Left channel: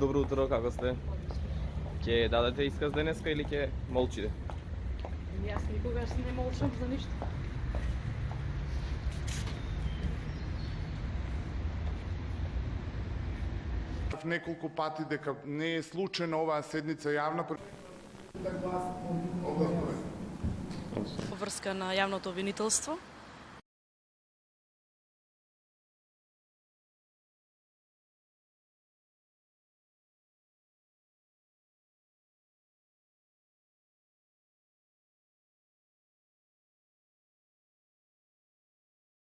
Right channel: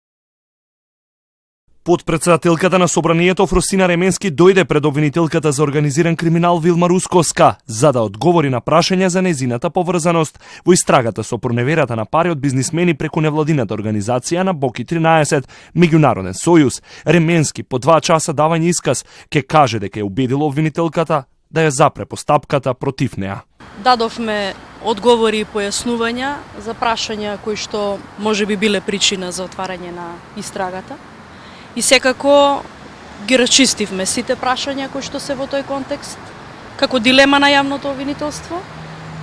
Добро утро, како сте? Подпредседателката на собранието Фросина Ременски дојде пред обвинителката за организиран криминал Вилма Рускоска за да одговори на прашања за незината поврзаност во истрагата со проневерата на пари од бизнисмени преку невладината организација на Боки 13, Меѓународен сојуз. Ременски по 2 часа давање исказ ке каже дека е убедила обвинителката да ја запре постапката против неа. Дадовме одговори и појаснувања за прашања кои што може би биле причина за отварање на истрагата. И секако ги расчистивме сите прашања кои што се во тој контекст, како дилема на јавното обвинителство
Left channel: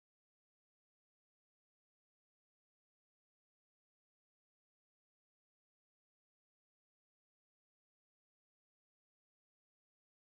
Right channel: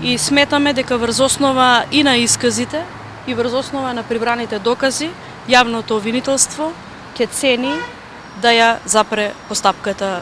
и сметаме дека врз основа и на исказите и врз основа на прибраните докази, јавното обвинителство ќе цени да ја запре постапката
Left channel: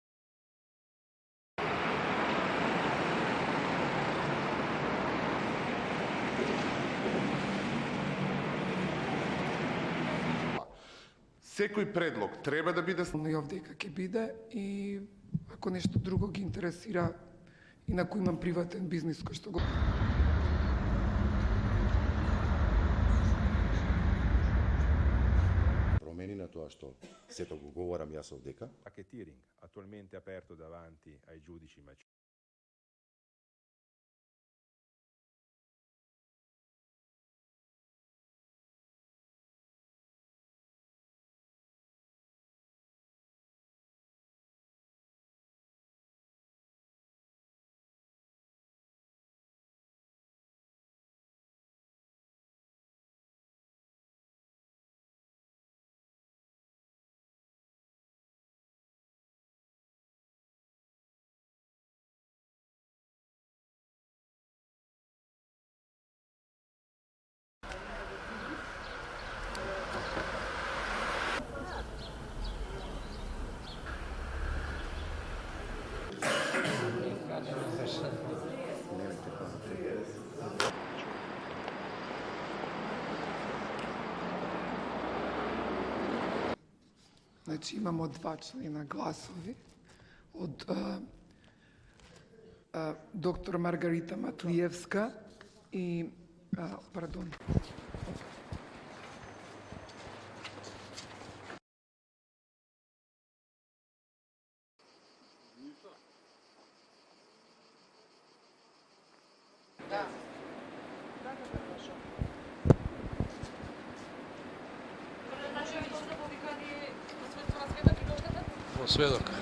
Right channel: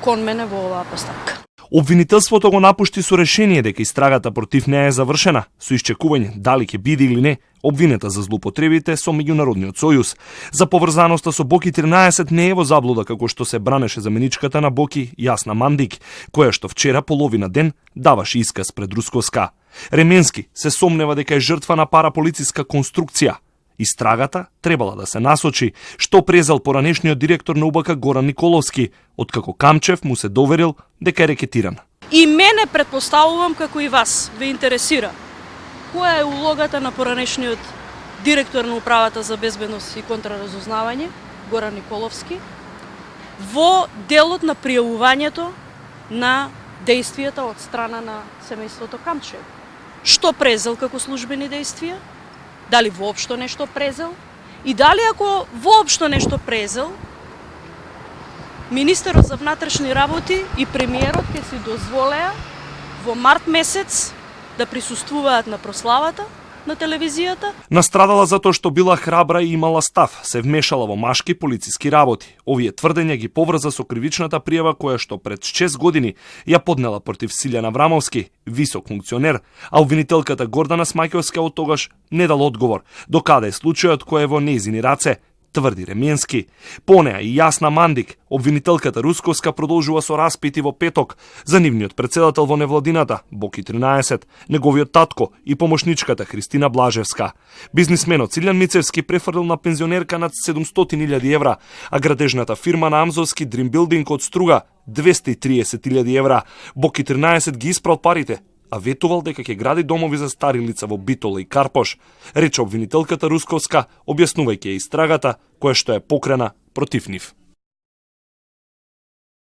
кон мене во оваа постапка. Обвинителството го напушти со решение дека истрагата против неа е завршена, со исчекување дали ќе биде или не обвинета за злоупотребите со Меѓународниот сојуз. За поврзаноста со Боки 13 не е во заблуда како што се бранеше заменичката на Боки Јасна Мандик, која што вчера половина ден даваше исказ пред Рускоска. Ременски се сомнева дека е жртва на параполициска конструкција. Истрагата требала да се насочи што презел поранешниот директор на УБК Горан Николовски, откако Камчев му се доверил дека е рекетиран. И мене претпоставувам како и вас ве интересира која е улогата на поранешниот директор на Управата за безбедност и контраразузнавање Горан Николовски во делот на пријавувањето на действијата од страна на семејството Камчев. Што презел како службени действија? Дали воопшто нешто презел? И дали ако воопшто нешто презел, министерот за внатрешни работи и премиерот ќе си дозволеа во март месец да присуствуваат на прославата на телевизијата? Настрадала затоа што била храбра и имала став, се вмешала во машки полициски работи. Овие тврдења ги поврза со кривичната пријава која што пред 6 години ја поднела против Силјан Аврамовски, висок функционер, а обвинителката Гордана Смаќовска од тогаш не дала одговор докаде е случајот кој е во нејзини раце, тврди Ременски. По неа и Јасна Мандик, обвинителката Рускоска продолжува со распити во петок за нивниот председател во невладината, Боки 13, неговиот татко и помошничката Христина Блажевска. Бизнисменот Силјан Мицевски префрлил на пензионерка над 700.000 евра, а градежната фирма на Амзовски Dream Building од Струга 230.000 евра. Боки 13 ги испрал парите, а ветувал дека ќе гради домови за стари лица во Битола и Карпош, рече обвинителката Русковска, објаснувајќи ја истрагата која што е покрена против нив. Сведок.